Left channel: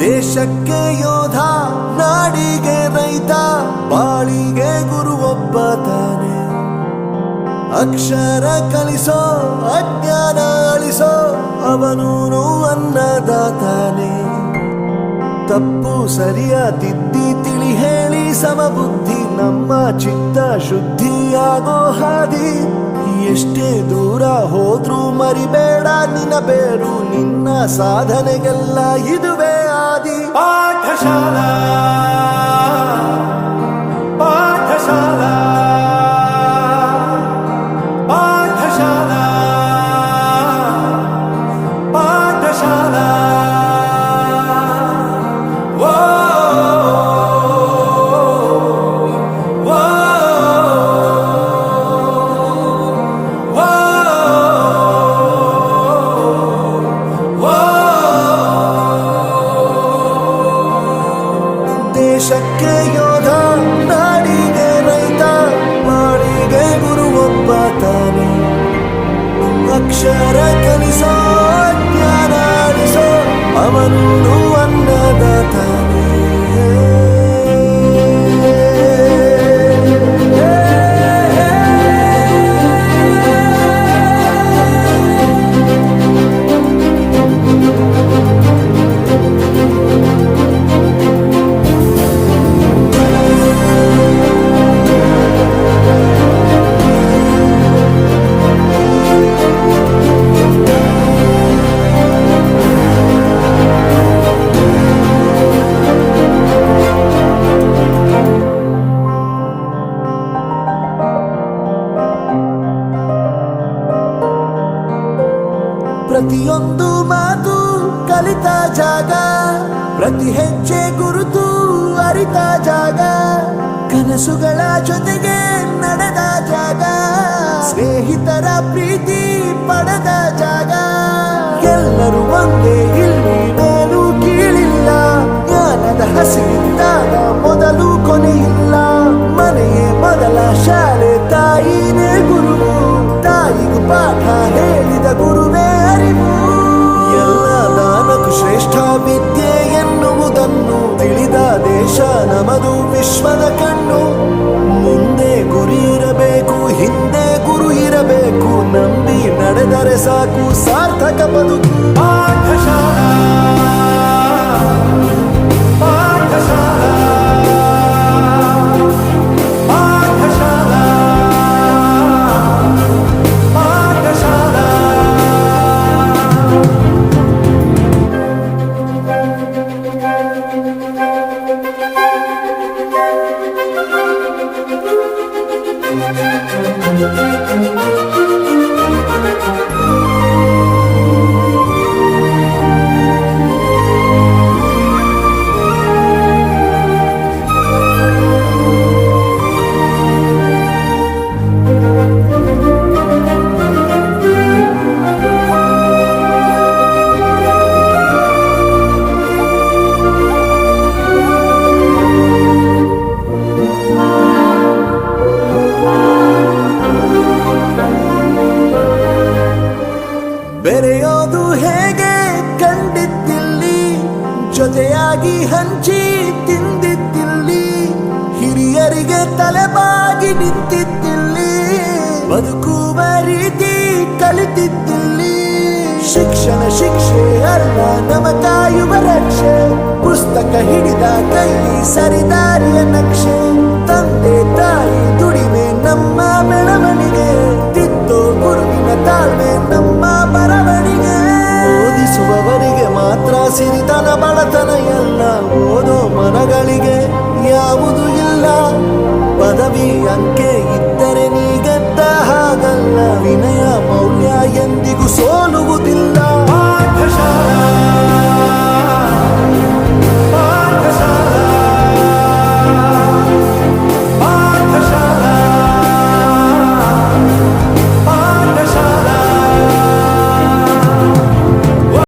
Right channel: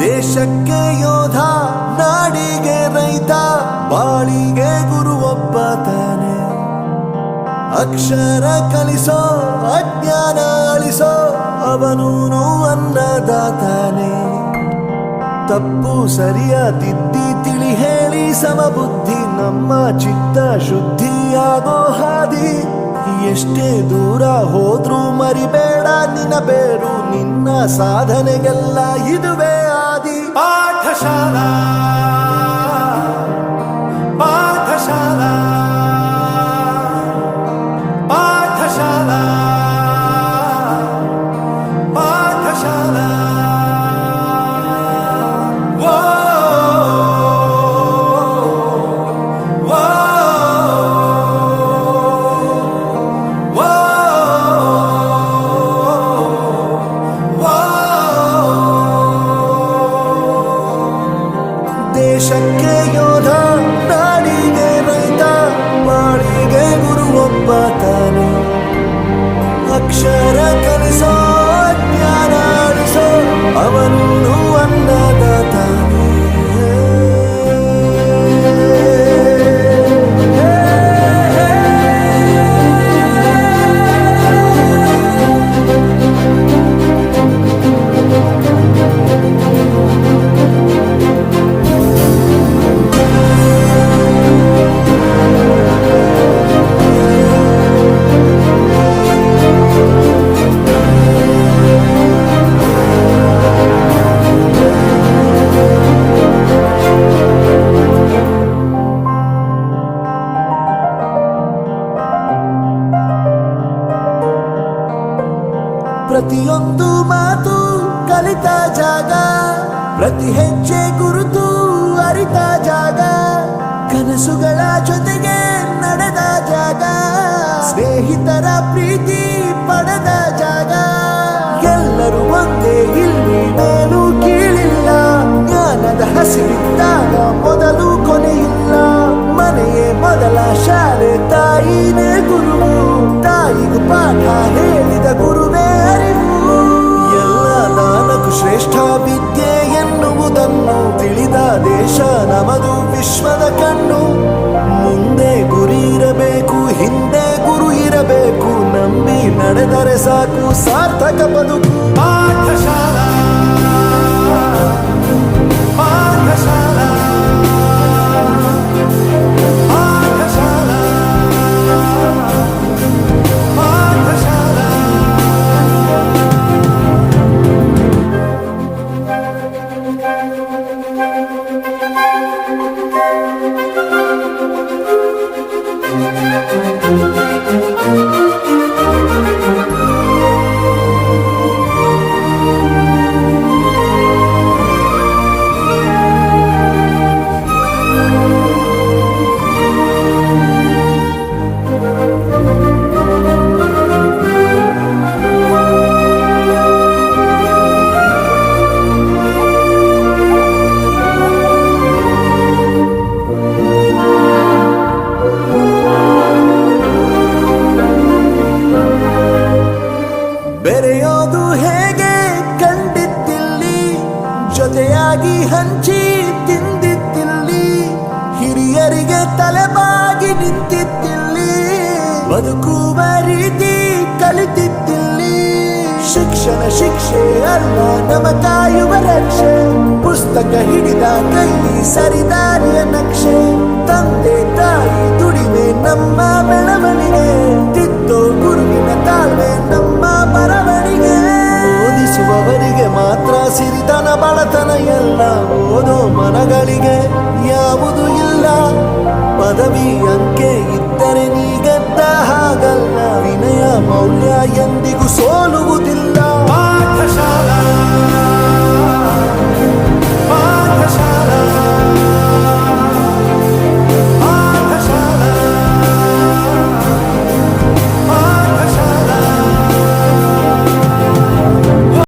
ದೇಶಕ್ಕೆ ಯೋಧ, ನಾಡಿಗೆ ರೈತ, ಬಾಳಿಗೆ ಗುರು ಒಬ್ಬ ತಾನೆ. ಅಕ್ಷರ ಕಲಿಸೋ, ಅಜ್ಞಾನ ಅಳಿಸೋ, ಅವನೂನು ಅನ್ನದಾತಾನೆ. ತಪ್ಪು ಸರಿಯ ತಿದ್ದಿ ತಿಳಿ ಹೇಳಿ ಸಮಬುದ್ಧಿ, ನಮ್ಮ ಚಿತ್ತ ಶುದ್ಧಿಯಾಗೋ ಹಾದಿ. ಎಷ್ಟೇ ದೂರ ಹೋದ್ರೂ ಮರಿಬೇಡ ನಿನ್ನ ಬೇರು, ನಿನ್ನ ಸಾಧನೆಗೆಲ್ಲ ಇದುವೇ ಆದಿ. ಪಾಠಶಾಲಾ ಪಾಠಶಾಲಾ ಪಾಠಶಾಲಾ ಪಾಠಶಾಲಾ. ದೇಶಕ್ಕೆ ಯೋಧ, ನಾಡಿಗೆ ರೈತ, ಬಾಳಿಗೆ ಗುರು ಒಬ್ಬ ತಾನೆ. ಅಕ್ಷರ ಕಲಿಸೋ, ಜ್ಞಾನ ಅಳಿಸೋ, ಅವನೂನು ಅನ್ನದಾತಾನೆ. ಪ್ರತಿಯೊಂದು ಮಾತು ಕಲಿತ ಜಾಗ, ಪ್ರತಿ ಹೆಜ್ಜೆ ಗುರುತು ಅರಿತ ಜಾಗ, ಕನಸುಗಳ ಜೊತೆಗೆ ನಡೆದ ಜಾಗ, ಸ್ನೇಹಿತರ ಪ್ರೀತಿ ಪಡೆದ ಜಾಗ. ಎಲ್ಲರೂ ಒಂದೇ, ಇಲ್ಲಿ ಮೇಲೂ ಕೀಳಿಲ್ಲ, ಜ್ಞಾನದ ಹಸಿವಿದ್ದಾಗ ಮೊದಲು ಕೊನೆಯಿಲ್ಲ. ಮನೆಯೇ ಮೊದಲ ಶಾಲೆ, ತಾಯಿನೇ ಗುರುವು, ತಾಯಿಗೂ ಪಾಠ ಹೇಳಿದ ಗುರುವೇ ಅರಿವು. ಎಲ್ಲ ದಾನಕ್ಕೂ ಶ್ರೇಷ್ಠ ವಿದ್ಯೆ ಎನ್ನುವುದನ್ನು ತಿಳಿದ ದೇಶ ನಮದು, ವಿಶ್ವದ ಕಣ್ಣು. ಮುಂದೆ ಗುರಿ ಇರಬೇಕು, ಹಿಂದೆ ಗುರು ಇರಬೇಕು, ನಂಬಿ ನಡೆದರೆ ಸಾಕು ಸಾರ್ಥಕ ಬದುಕು. ಬೆರೆಯೋದು ಹೇಗೆ ಕಂಡಿದ್ದಿಲ್ಲಿ, ಜೊತೆಯಾಗಿ ಹಂಚಿ ತಿಂದಿದ್ದಿಲ್ಲಿ, ಹಿರಿಯರಿಗೆ ತಲೆಬಾಗಿ ನಿಂತಿದ್ದಿಲ್ಲಿ, ಬದುಕುವ ರೀತಿ ಕಲಿತಿದ್ದಿಲ್ಲಿ. ಶಿಕ್ಷಣ ಶಿಕ್ಷೆ ಅಲ್ಲ, ನಮ ಕಾಯುವ ರಕ್ಷೆ, ಪುಸ್ತಕ ಹಿಡಿದ ಕೈ ಸರಿದಾರಿಯ ನಕ್ಷೆ. ತಂದೆ ತಾಯಿ ದುಡಿಮೆ ನಮ್ಮ ಬೆಳವಣಿಗೆ, ತಿದ್ದೋ ಗುರುವಿನ ತಾಳ್ಮೆ ನಮ್ಮ ಬರವಣಿಗೆ. ಓದಿಸುವವರಿಗೆ ಮಾತ್ರ ಸಿರಿತನ ಬಡತನ ಎಲ್ಲ, ಓದೋ ಮನಗಳಿಗೆ ಯಾವುದು ಇಲ್ಲ. ಪದವಿ ಅಂಕೆ ಇದ್ದರೆ ನೀ ಗೆದ್ದ ಹಾಗಲ್ಲ, ವಿನಯ ಮೌಲ್ಯ ಎಂದಿಗೂ ಸೋಲುವುದಿಲ್ಲ.